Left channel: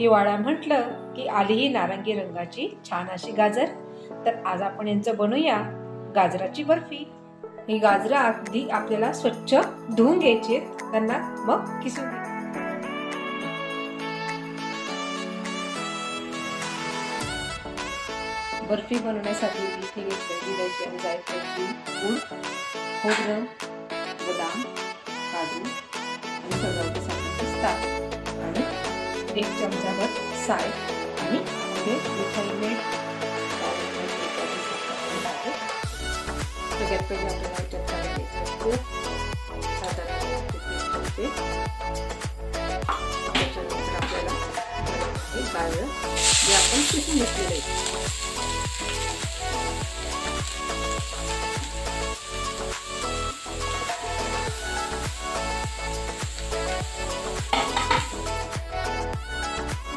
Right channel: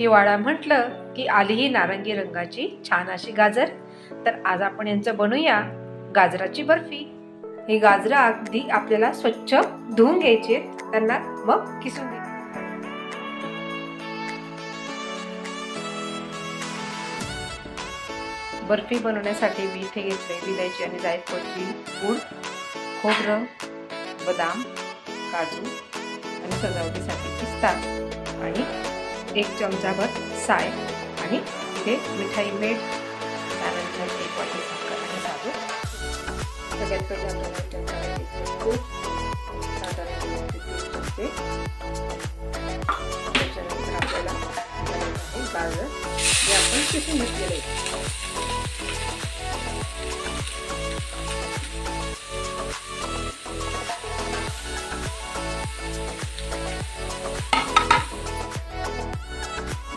हिवाळा म्हटलं की आली ही नारंगी रंगाची छान अशी गाजर। तर आज आपण यांचं बनवूया गाजराची बर्फी। ही गाजरं अगदी आपल्याला स्वच्छ धुवून घ्यायची, त्यांना मग किसून घ्यायचे। बर्फी बनवण्यासाठी मी इथे घेतले विलायची आणि जायफळची पूड, खोबरं, बदाम, काजू आणि सजावटीसाठी पिस्ता आणि 1 चमचाभर साय आणि इथे मिठाई मीठ, त्यानंतर 1 वाटी साखर आणि काजू। त्याच्यात आपल्याला गाजर जे आपण किसून घेतलेले आहे।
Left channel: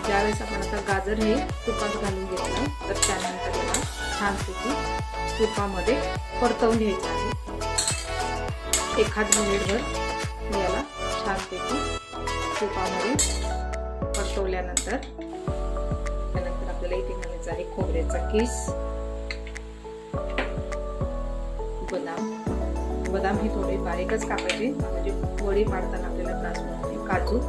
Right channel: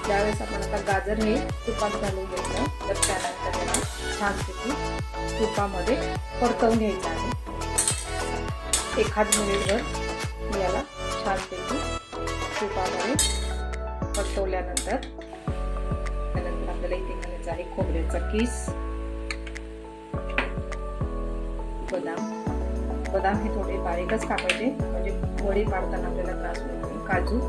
ज्यावेळेस आपण आता गाजर हे तुपात घालून घेतलं तर त्यानंतर याला छानपैकी तुपामध्ये परतवून घ्यायचं आहे। 1 मिनिटभर याला छानपैकी तुपामध्ये परतवल्यानंतर आपल्याला इथे घालायचं आहे खोबऱ्याचा किस, बदाम हे थोडे बारीकच कापायचे म्हणजे वडी पाडताना आपल्याला त्रास होणार नाही। काजू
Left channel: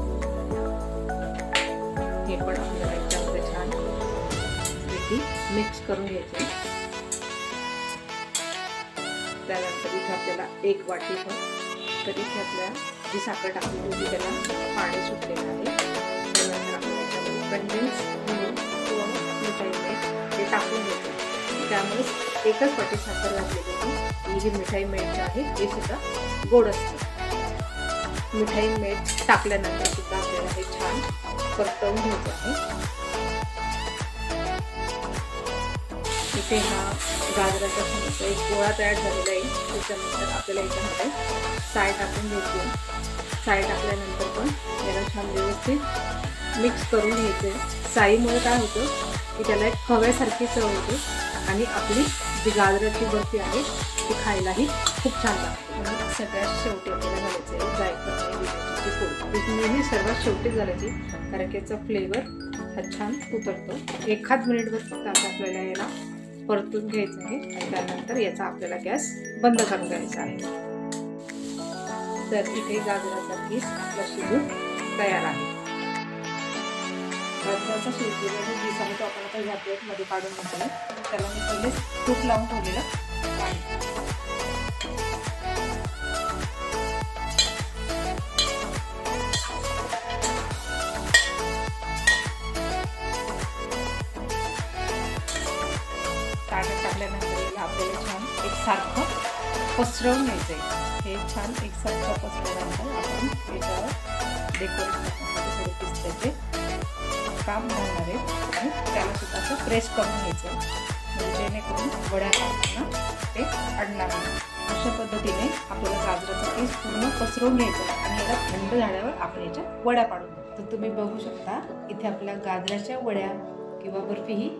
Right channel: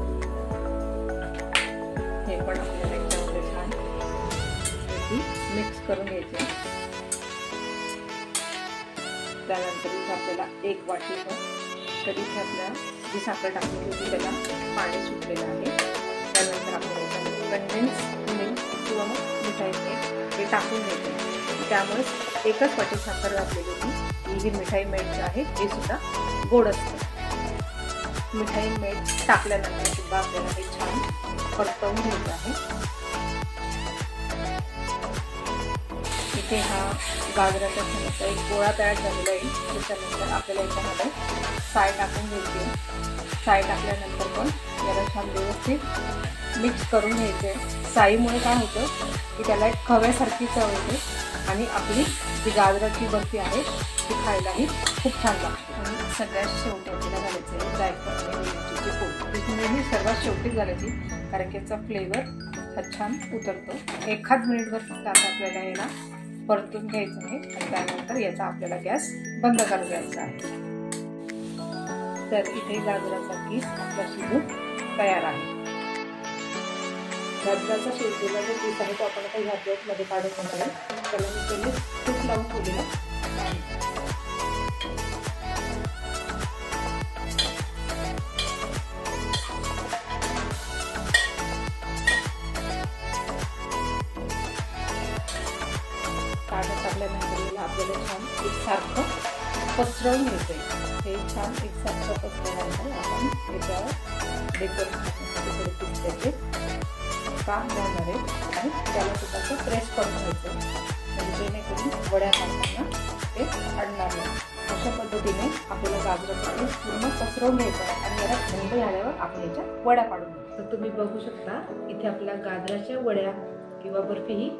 हे पण आपल्याला याच्यामध्ये छान मिक्स करून घ्यायचे। त्यानंतर इथे आपल्याला 1 वाटी तर इथे आपल्याला जी साखर टाकली होती त्याला पाणी सुटलेलं आहे। त्यानंतर आपल्याला याच्यामध्ये कंडेन्स मिल्क किंवा मग मिठाई मीठ हे टाकून घ्यायचे। त्यामुळेच 1च वाटी साखर घातलेली होती। ही जी मिठाई मीठ आहे हे सुद्धा गोड असतं। मिठाई मीठ टाकल्यानंतर सुद्धा आपल्याला हे छान परतवून घ्यायचं आहे। इथे हा गाजराचा थोडासा एक गोळा तयार झालेला आहे। त्याच्यानंतर आपल्याला याच्यामध्ये साय टाकून घ्यायची। साय टाकल्यानंतर पण याला छान व्यवस्थित मिक्स करून घ्यायचे। साईमुळे काय होतं की त्याला एक खव्यासारखी चव येते आणि आपली जी गाजराची बर्फी आहे ती खायलाही खूप छान लागते। आणि सगळ्यात शेवटी आपल्याला घालायचं आहे जायफळ आणि विलायचीची पूड। ती नेहमी सर्वात शेवटी घालायची कारण की याचा फ्लेवर हा छान उतरतो। 1 मिनिटभर फक्त आता आपल्याला याला परतून घ्यायचं आहे आणि त्यानंतर याचा आपल्याला गॅस बंद करून घ्यायचा आहे। तर इथे गाजराचा किस आपला शिजून तयार आहे। गाजराचा शिजलेला जो किस आहे तो आपण आता ह्या प्लेटमध्ये काढून घेतला। त्याला मी पहिले तूप लावून ठेवलेलं आपल्याला छान एकसारखं पसरवून घ्यायचंय। हे छान एकसारखं पसरवल्यानंतर आपण याच्यावर डेकोरेशनसाठी थोडे पिस्त्याचे काम बनवणार आहे आणि त्याला सुद्धा असं प्रेस करून घ्यायचं म्हणजे जेणेकरून वड्या पाडताना ते अडणार नाही। अशा पद्धतीने आपल्याला गाजराचा पीस पूर्ण पसरवून घ्यायचा आणि याला थंड झाल्यावर आपण याच्या वड्या पाडून घ्यायच्या। तर तुम्ही बघू शकता इथे आपल्या गाजराच्या वड्या किंवा बर्फी ही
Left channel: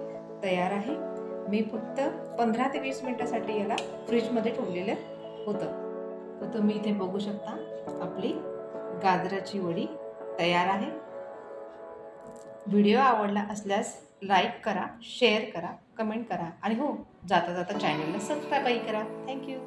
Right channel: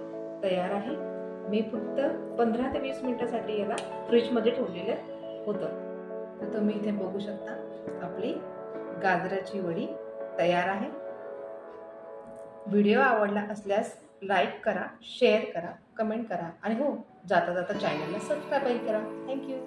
तयार आहे। मी फक्त 15 ते 20 मिनिटासाठी याला फ्रीजमध्ये ठेवलेलं होतं। तर तुम्ही इथे बघू शकता आपली गाजराची वडी तयार आहे। व्हिडिओ आवडला असल्यास लाईक करा, शेअर करा, कमेंट करा आणि हो जाता जाता चॅनलला सबस्क्राईबही करा। थँक्यू।